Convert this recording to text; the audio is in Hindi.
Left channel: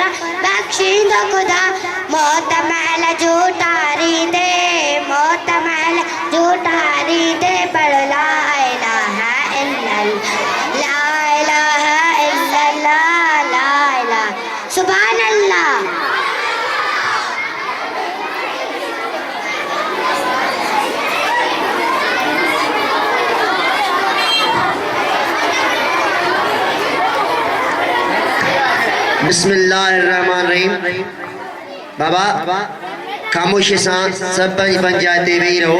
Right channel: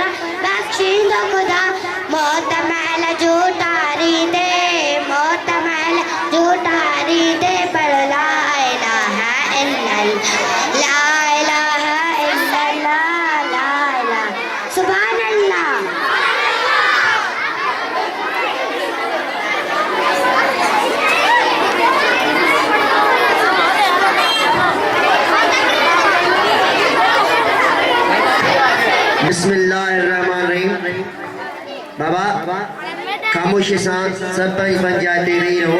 पर बख्शींदो खुदा मौत महल झूठारी दे मौत महल झूठारी दे पर ला इलाहा इल्लल्लाह ला इलाहा इल्लल्लाह ला इलाहा सुभान अल्लाह। बिस्मिल्लाहिर्रहमानिर्रहीम। बाबा खामोशी सां सब पंचायती वीरो